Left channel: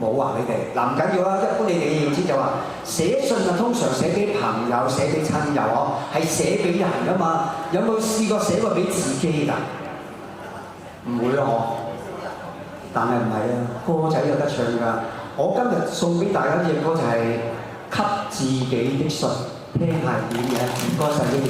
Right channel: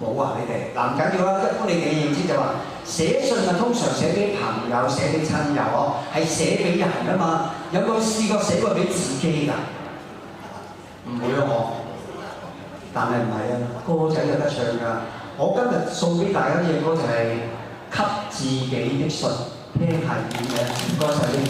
冇啊！你哋嗱唔緊要啦，一般你哋要知就話寫信啊，通常寫俾朋友、寫俾親友呵，係寫俾人噶嘛。有冇試過寫過俾自己㗎？唔會啊我，但係唔係啊，歌仔有得唱㗎。我今日送俾大家嘅歌就係給自己的信，聽下點嘅歌仔呢？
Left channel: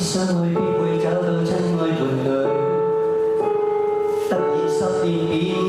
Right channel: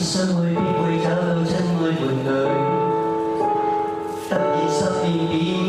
相愛必會找到真愛伴侶，突然10年變